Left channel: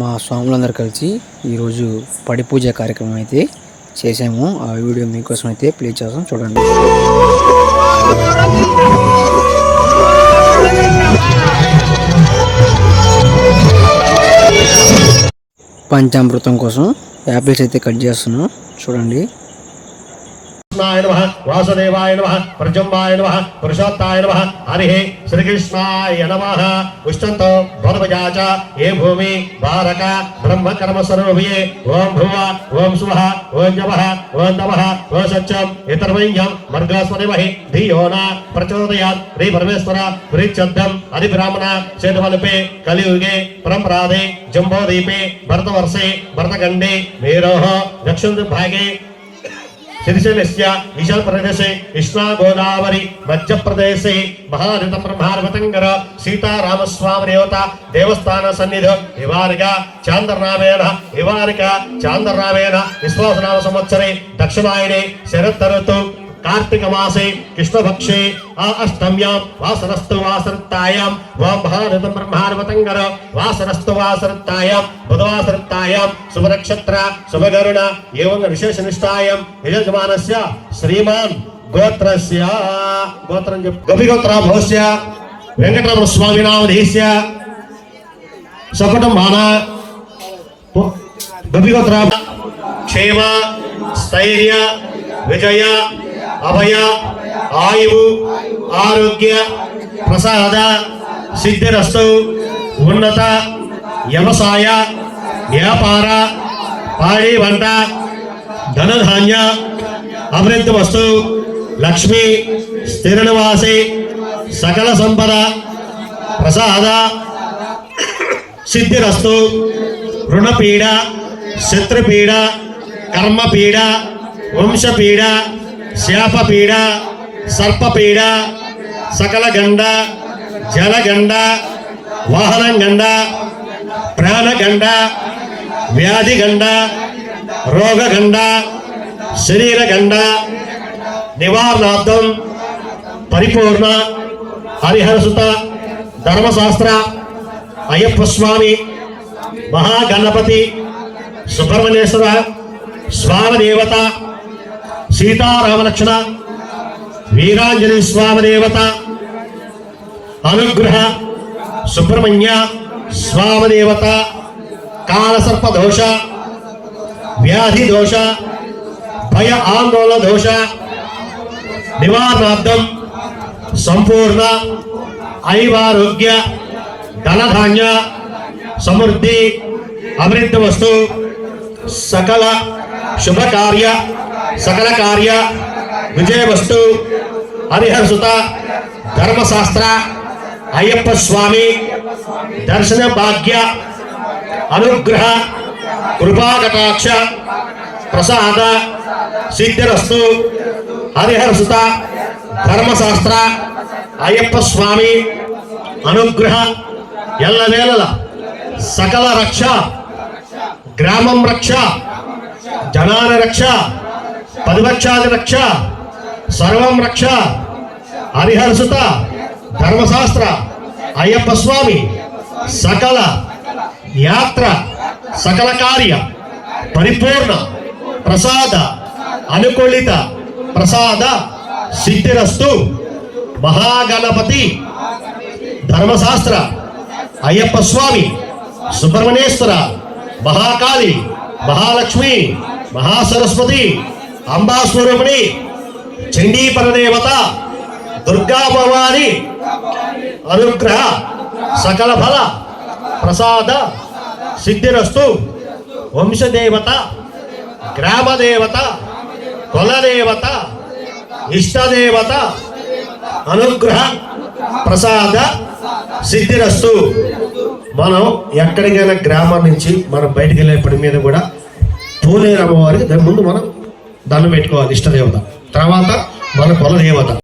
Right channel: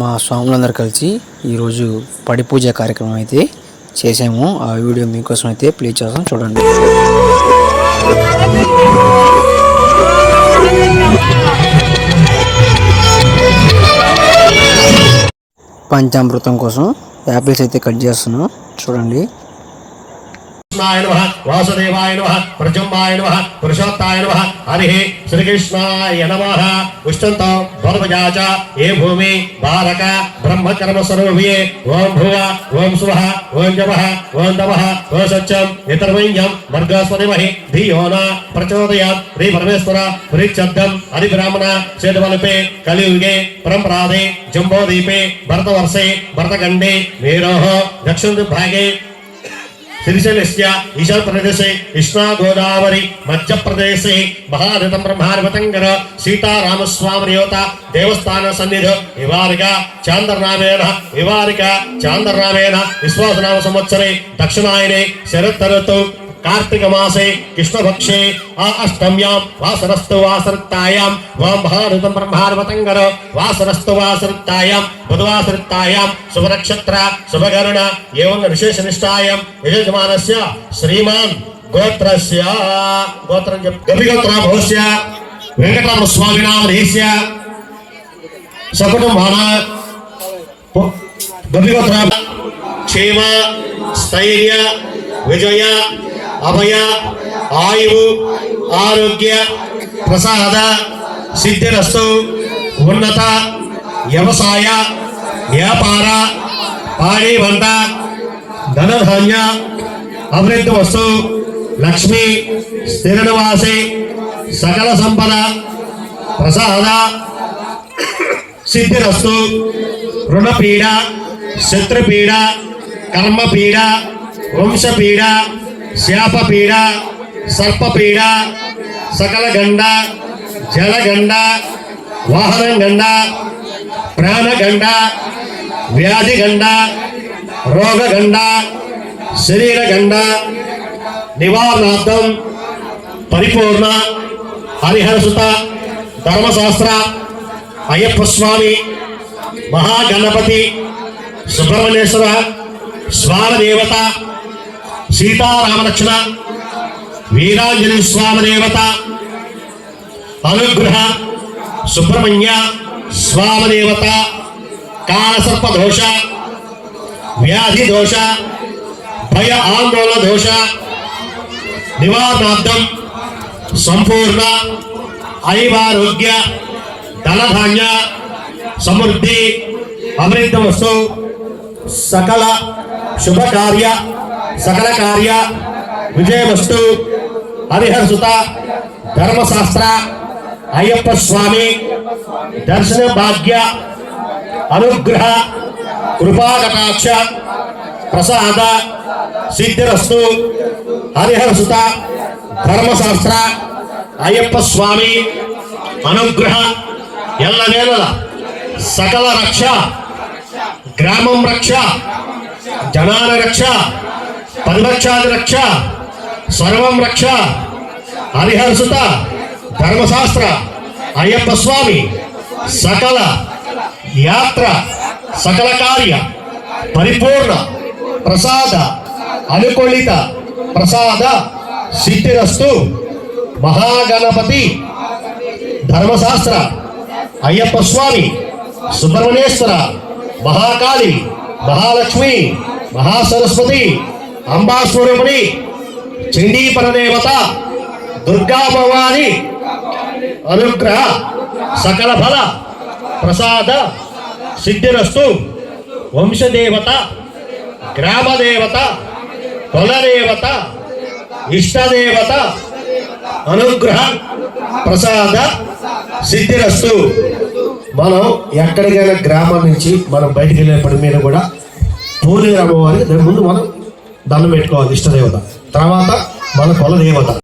మా స్వాములందరూ కలిసి ఈరోజు పడి పూజ కార్యక్రమం అయితే చేసాము. ఆ వీడియో మీకోసం అయితే ప్లే చేస్తాం. చూడండి. పంచామృతం కోసం యాపిల్స్ అయితే కట్ చేస్తున్నాం. చూడండి. కృష్ణాయ నమ వాసుదేవాయ నమ ప్రజంబాయ నమ పురుషోత్తాయ నమ హరి శ్రీకృష్ణాయ నమ. ఉష్టంతో భరతజాచ ఏ భూమి? భారక బ్రహ్మకర్మ స్వరూపియే ఓం భువ ఓం శువ ఓం జవ ఓం తమ ఓ సత్యం. ఇతర్వైయం మర్గాస్వరిమహి ధియోన ప్రచోదయా శ్రీ పరమేశ్వర శ్రీక్షబ్దం హరి బ్రాహ్మణ చేతవలపే కలియుగే పరంపరాధే జంబోదీపే భరతవర్షే భరతఖండే మేరోహ దక్షిణ భాగే శ్రీశైలస్య ఈశాన్ ప్రదేశే కృష్ణా గోదావరి మధ్యప్రదేశే మహారథం బ్రహ్మార్వతంగర సీతారామస్వామి దేవత దేవస్థాన సన్నిధి వివారిక చాంద్రనామేన వివారిక చాంద్రనామేన విశ్వాసనామ సంవత్సరే దక్షిణాయనే శరత్ कार्तिकमासे कृष्णभक्षे अष्टम्यां वासरस्तु वासरत्तायां वामभारतं ब्रह्मार्वतङ्कर वासरस्तु शुभनक्षत्र एवं विशेषनिष्ठायां यजमानस्य श्रीमान् गोत्रस्य गोत्रं गपिगोत्राभवस्य क्षेम स्थैर्य विजया అభయ ఆయువు ఆరోగ్య ప్రసాద సిద్ధిరస్తు ఉన్నత వ్యవసాయ వ్యాపార పాడి వంట ధనధాన్య అభివృద్ధి వస్తు లక్ష్మి స్థిర నివాసి సకల సంపద ప్రసాద సిద్ధిరస్తు రుణపీడ శత్రుపీడ కర్మపీడ వంశపీడ శాపపీడ సర్పపీడ సకల గండ జలగండ వాహనం గండ ప్రాణగండ వ్యాధిగండ రోగగండ శరీరగండ నివారణార్థం పరిపూర్ణ హరిహరసుత ధర్మశాస్త్ర అయ్యప్ప స్వామి మహాగణపతి సుబ్రహ్మణ్యేశ్వర స్వామి దేవత సీతారామలక్ష్మణ వీరాంజనేయ స్వామి దేవత అనుగ్రహ సుబ్రహ్మణ్య స్వామి దేవత కాలసర్ప దోష వ్యాధి దోష భయ ఆందోళన దోష నివారణార్థం సంపూర్ణ ఐవారోగ్య ధనధాన్య సమృద్ధి అభివృద్ధి వస్తు సకల శుభకార్య సకల కార్య విజయవస్తు హరిహర్సుత ధర్మశాస్త్ర అయ్యప్ప స్వామి దర్శన భాగ్య అనుగ్రహ కృపాకటాక్ష ప్రసాద సిద్ధిరస్తు హరిహర్సుత ధర్మశాస్త్ర అయ్యప్ప స్వామి అనుగ్రహ ఎల్లవేళల సకల రక్ష గ్రామం రక్ష జనాల రక్ష పదిలక్షాది రక్ష సర్వం రక్ష హరిహరసుత ధర్మశాస్త్ర అయ్యప్ప స్వామి సకల యాత్ర సకల కార్య పరిపూర్ణ ప్రసాద అనుకూలిత ప్రసాద సిద్ధిరస్తు మహాగణపతి ధర్మశాస్త్ర అయ్యప్ప స్వామి సుబ్రహ్మణ్యేశ్వర మహాకాళి మహాలక్ష్మి మహాసరస్వతి అంబాసూర్యముని చండీపర దేవత దుర్గా భవాని అనుగ్రహ సకల ఫల ప్రసాద సిద్ధిరస్తు వంశదేవత గ్రామదేవత కులదేవత ఇష్టదేవత అనుగ్రహ ప్రసాద సిద్ధిరస్తు. మనం ఎక్కడికైనా గ్రామం నుంచి మనం బయటికి వెళ్ళేప్పటి మీద కూడా పూలేరు అమ్మవారికి ముందు మనం దండం పెట్టుకోవాలి ఇష్టదేవత. తర్వాత మన కుల దేవత